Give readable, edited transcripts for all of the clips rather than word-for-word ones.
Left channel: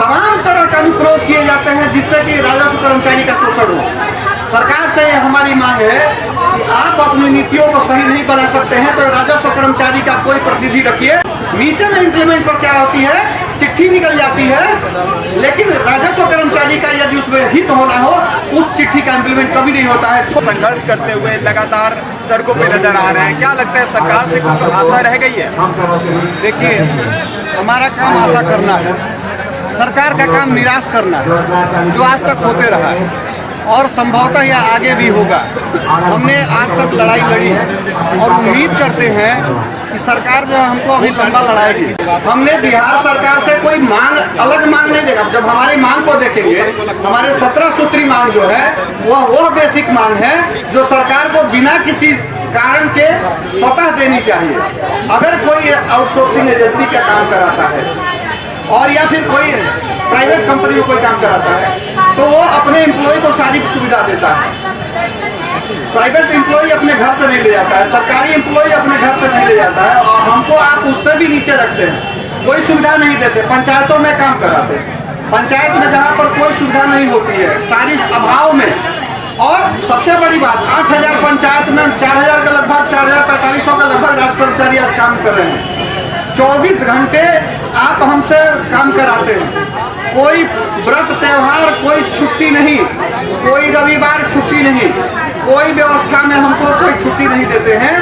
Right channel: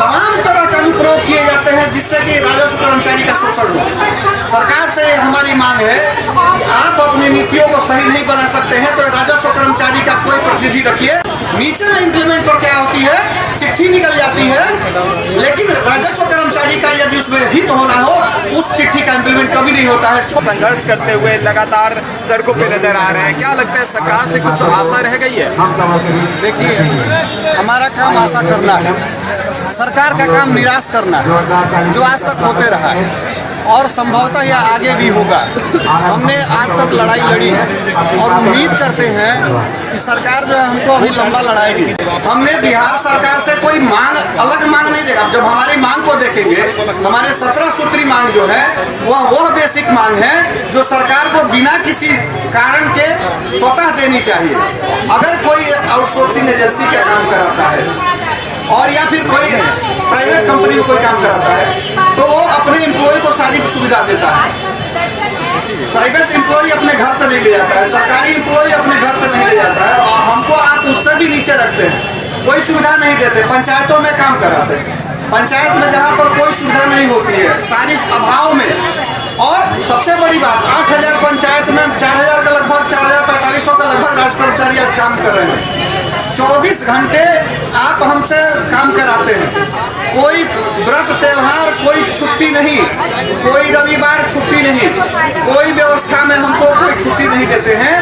तमाम तरह का अनुप्रयोग किए जाते हैं जिससे कि राजस्व कर्मचारी का शोषण हो। सरकार से हमारी मांग है कि आप अपनी नीतियों को सही नहीं बना सकते हैं तो राजस्व कर्मचारी का कोई प्रतिनिधि रखिए। नीचे में इंप्लीमेंट पर क्या होती है, चिट्ठी निकल जाती है, लेकिन राजस्व कर्मचारी का यदि उसमें हित होना हो उस चिट्ठी का इंप्लीमेंट कभी नहीं होता है। संघर्ष करते हुए लगातार सड़कों पे नजर आ रहे हैं, क्या लगता है सरकार से कुछ आशा रह गई है? देखिए, हमारा काम आशा करना है, सरकार का काम निराश करना है, जो आज तक होते रहा है और संभवतः यह आगे भी होगा। हमने आज तक लड़ाई लड़ी और उम्मीद करते हैं कि सरकार जो है हमको अभी लंबा लड़ाएगी। हमने बिहार सरकार से कोई मांग, अलग मांग नहीं देगा। जब हमारी मांग को देखेंगे, हमारे 17 सूत्री मांग जो है वह बेसिक मांग है जो सरकार को बिना किसी कारण के स्वतः देनी चाहिए। अगर कोई आउटसोर्सिंग एजेंसी का काम कराता है और या फिर कोई प्राइवेट कंपनी में कोई काम कराता है तो वो अपने एम्प्लॉय को सारी सुविधा देता है। प्राइवेट एम्प्लॉय अपने घर से नहीं ले जाता है, सरकारी एम्प्लॉय अपने घर से नहीं ले जाता है और हमको आप उससे भी नीचे रखते हैं, कोई सुविधा नहीं देते। पंचायतों में काम कराते हैं, पंचायत में जहाँ पर कोई सुविधा नहीं होती है, सारी अभाव में। और सबसे बड़ी बात, 8000 पंचायत में 4000 का लगभग 4500 का लगभग राज कर्मचारी आज काम कर रहे हैं। 24 घंटे आप हमसे काम कराते हैं, कोई व्रत त्योहार, कोई छुट्टी नहीं, कोई रविवार छुट्टी नहीं, कोई व्यवस्था में हमको कोई छुट्टी नहीं देते हैं।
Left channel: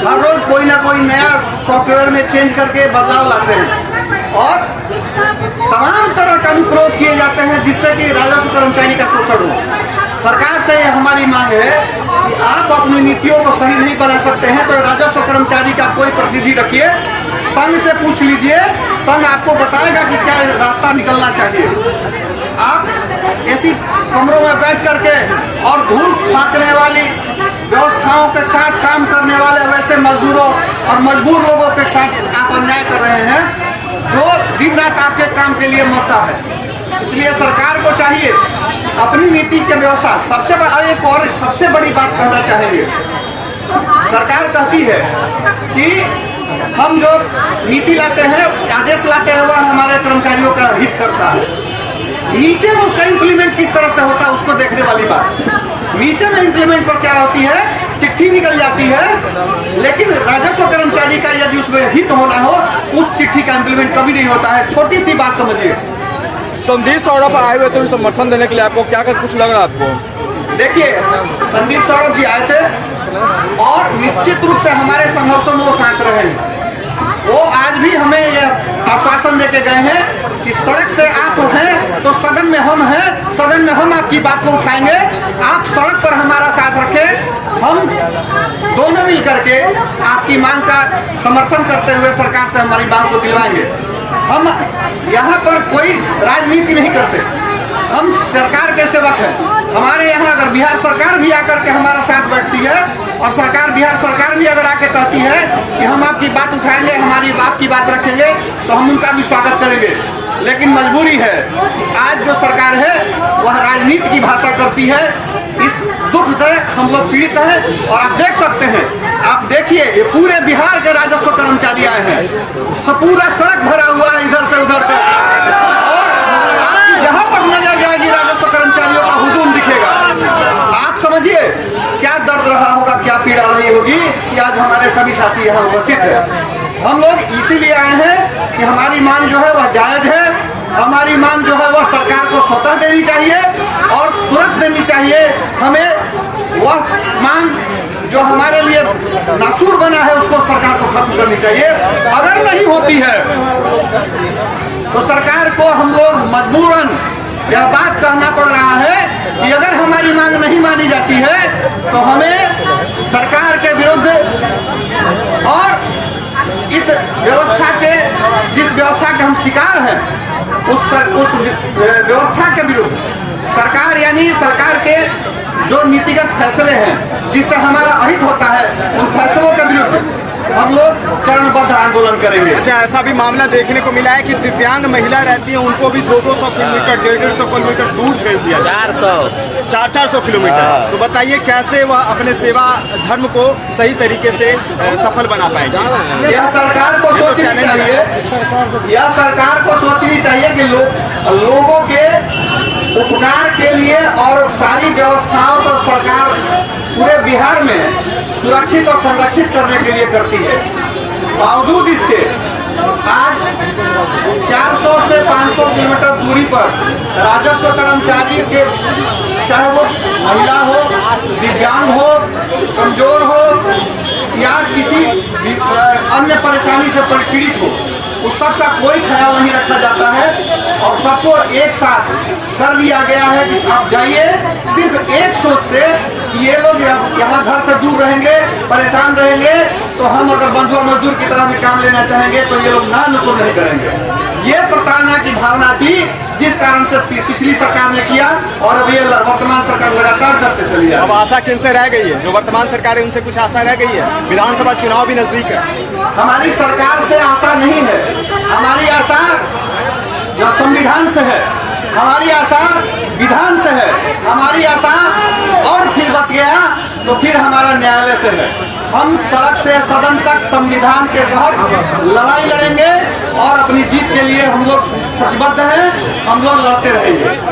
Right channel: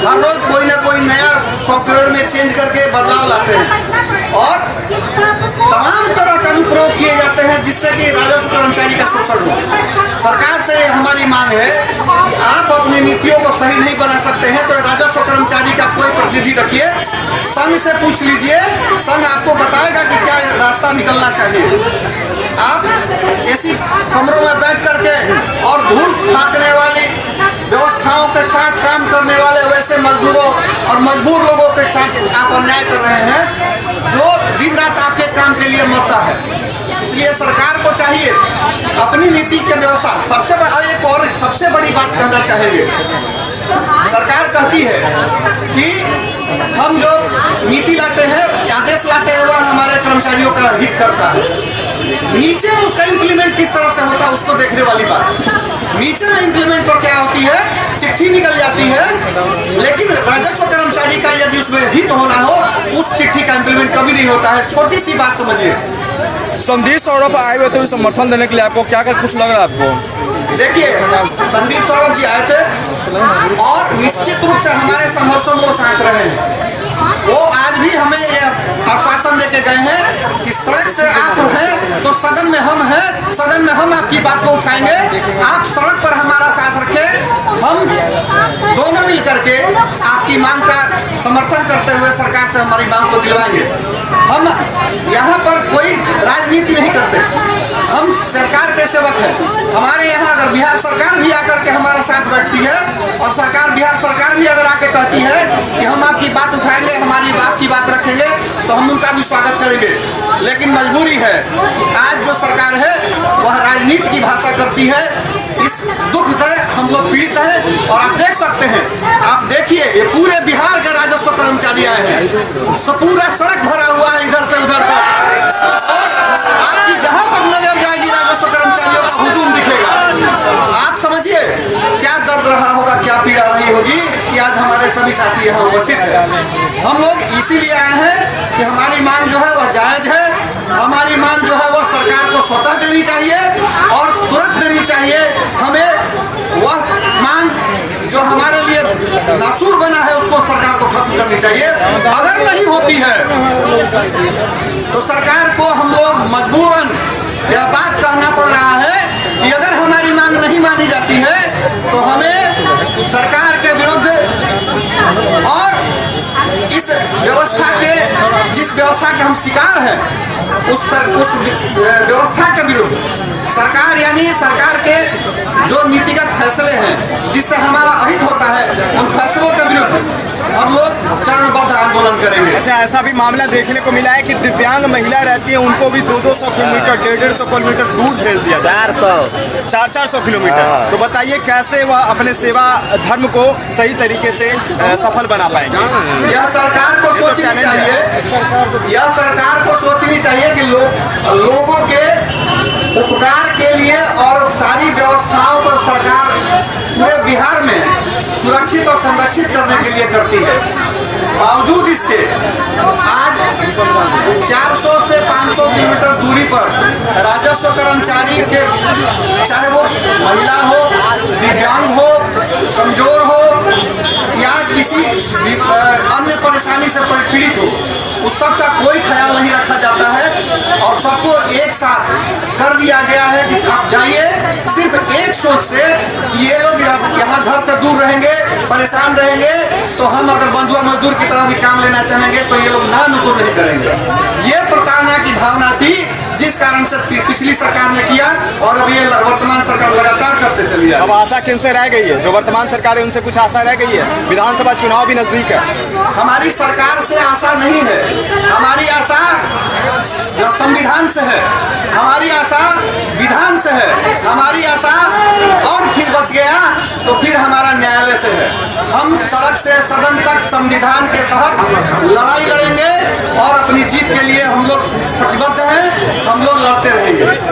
हर रोज कोई ना कोई नया सॉफ्टवेयर में चेंज करके बदलाव लाते हैं और तमाम तरह का अनुप्रयोग किए जाते हैं जिससे कि राजस्व कर्मचारी का शोषण हो। सरकार से हमारी मांग है कि आप अपनी नीतियों को सही नहीं बना सकते हैं तो राजस्व कर्मचारी का कोई प्रतिनिधि रखिए। संघ से पूछ लीजिए, संघ आपको बताएगा कि क्या रास्ता निकलना चाहिए। आप ऐसी कमरों में बैठ करके और धूल फाँकने वाली व्यवस्थाओं के साथ काम करने वाले वैसे मजदूरों और मजबूर लोगों के साथ आप अन्याय कर रहे हैं जो दिन रात आपके काम के लिए मरता है। इसलिए सरकार को चाहिए अपनी नीति की व्यवस्था। सबसे बड़ा एक और सबसे बड़ी बात कहना चाहेंगे, सरकार कहती है कि हम जो नीति लाते हैं, आदेश लाते हैं, वह हमारे कर्मचारियों का हित करता है। नीचे में उसका इंप्लीमेंट किस तरह से होता है उसको देखने वाली बात है। नीचे में इंप्लीमेंट पर क्या होती है, चिट्ठी निकल जाती है, लेकिन राजस्व कर्मचारी का यदि उसमें हित होना हो उस चिट्ठी का इंप्लीमेंट कभी नहीं होता है। छोटी सी बात समझिए। संदीप सौरभ आए हुए थे समर्थन देने के लिए, आपको क्या कुछ लग रहा है आपको? देखिए, संदीप सौरभ जी आए थे और निश्चित रूप से हमारे संघर्षों में वो साथ रहे हैं। वो आज भी हमें यह आश्वासन देके गए हैं कि सड़क से आप हैं तो सदन में हम हैं, सदन में हम आपकी बात को उठाएंगे, आप सड़क पर हमारा साथ रखें। हम दोनों मिल करके आपकी मांग का समर्थन करते हुए सरकार से हमारी मांग को दिलवाएंगे। हम यहाँ पर कोई राजनीति नहीं करते, हम सरकार के सेवक हैं। हमारे यहाँ अगर बिहार सरकार भी आकर के हमारा साथ बैठती है और बिहार सरकार भी अगर आके कहती है कि हम आपकी बात उठाएंगे, हमारी आपकी बात रखेंगे, तो हम उनका भी स्वागत करेंगे। लेकिन मजबूरी है कि आज जो सरकार है वह राजनीति की भाषा करती है। इस दुख से हम लोग पीड़ित हैं और आप देख सकते हैं, आप देखिए ये पूरे बिहार के राजस्व कर्मचारी आए हैं, पूरा सड़क भरा हुआ है इधर से उधर तक और आपकी जहां तक नजर जाएगी राजस्व कर्मचारियों का हुजूम दिखेगा। आप समझिए क्या दर्द रहा होगा, क्या पीड़ा रही होगी कि आज हमारे सभी साथी यहाँ उपस्थित है। हम लोग इसीलिए आए हैं कि हमारी मांग जो है वह जायज है, हमारी मांग जो है वह सरकार को स्वतः देनी चाहिए और तुरंत देनी चाहिए। हमें वह मांग जो हमारे लिए नासूर बना है उसको सरकार को खत्म करनी चाहिए। अगर नहीं होती है तो सरकार को हम लोग मजबूरन यह बात कहना पड़ रहा है कि अगर हमारी मांग नहीं मानी जाती है तो हमें सरकार के विरुद्ध और इस व्यवस्था के, जिस व्यवस्था के हम शिकार हैं, उस व्यवस्था के विरुद्ध सरकार यानी सरकार के जो नीतिगत फैसले हैं जिससे हमारा अहित होता है, उन फैसलों के विरुद्ध हम लोग चरणबद्ध आंदोलन करेंगे। अच्छा, ऐसा भी मामला देखने को मिला है कि दिव्यांग महिला रहती है, उनको भी 200 किलोमीटर 150 किलोमीटर दूर भेज दिया 400 किलोमीटर। तो बताइए कैसे वह अपने सेवा धर्म को सही तरीके से सफल बना पाएंगे? यह सरकार को सोचनी चाहिए, यह सरकार को सोचनी चाहिए कि लोगों के उपकार के लिए और सारी व्यवस्थाओं को सरकार पूरे बिहार में सुरक्षित और संरक्षित करने के लिए करती है। बावजूद इसके आज 400 से 500 किलोमीटर दूरी पर राजस्व कर्मचारी के, चाहे वो महिला हो, दिव्यांग हो, कमजोर हो या किसी अन्य परेशानी से पीड़ित हो, उस सब का कोई ख्याल नहीं रखा जाता है और सबको एक साथ कर दिया गया है कि आप जाइए सिर्फ एक सोच से, ये लोग यहाँ घर से दूर रहेंगे, परेशान रहेंगे, तो हम अगर बंधुआ मजदूर की तरह भी काम लेना चाहेंगे तो ये लोग ना नुकुर नहीं करेंगे। ये प्रताड़ना की भावना थी जिस कारण से पिछली सरकार ने किया और अब ये वर्तमान सरकार लगातार करते चली आ रही है। अब आशा किनसे रह गई है? जो वर्तमान सरकार है उनसे कुछ आशा रह गई है? विधानसभा चुनाव भी नजदीक है। हमारी सरकार से आशा नहीं है, हमारी आशा संविधान से है, हमारी आशा विधान से है, हमारी आशा और फिर बच गया तो फिर हमारा न्यायालय से है। हम सड़क से सदन तक संविधान के तहत लड़ाई लड़ेंगे और अपनी जीत के लिए हम लोग प्रतिबद्ध हैं, हम लोग लड़ते रहेंगे।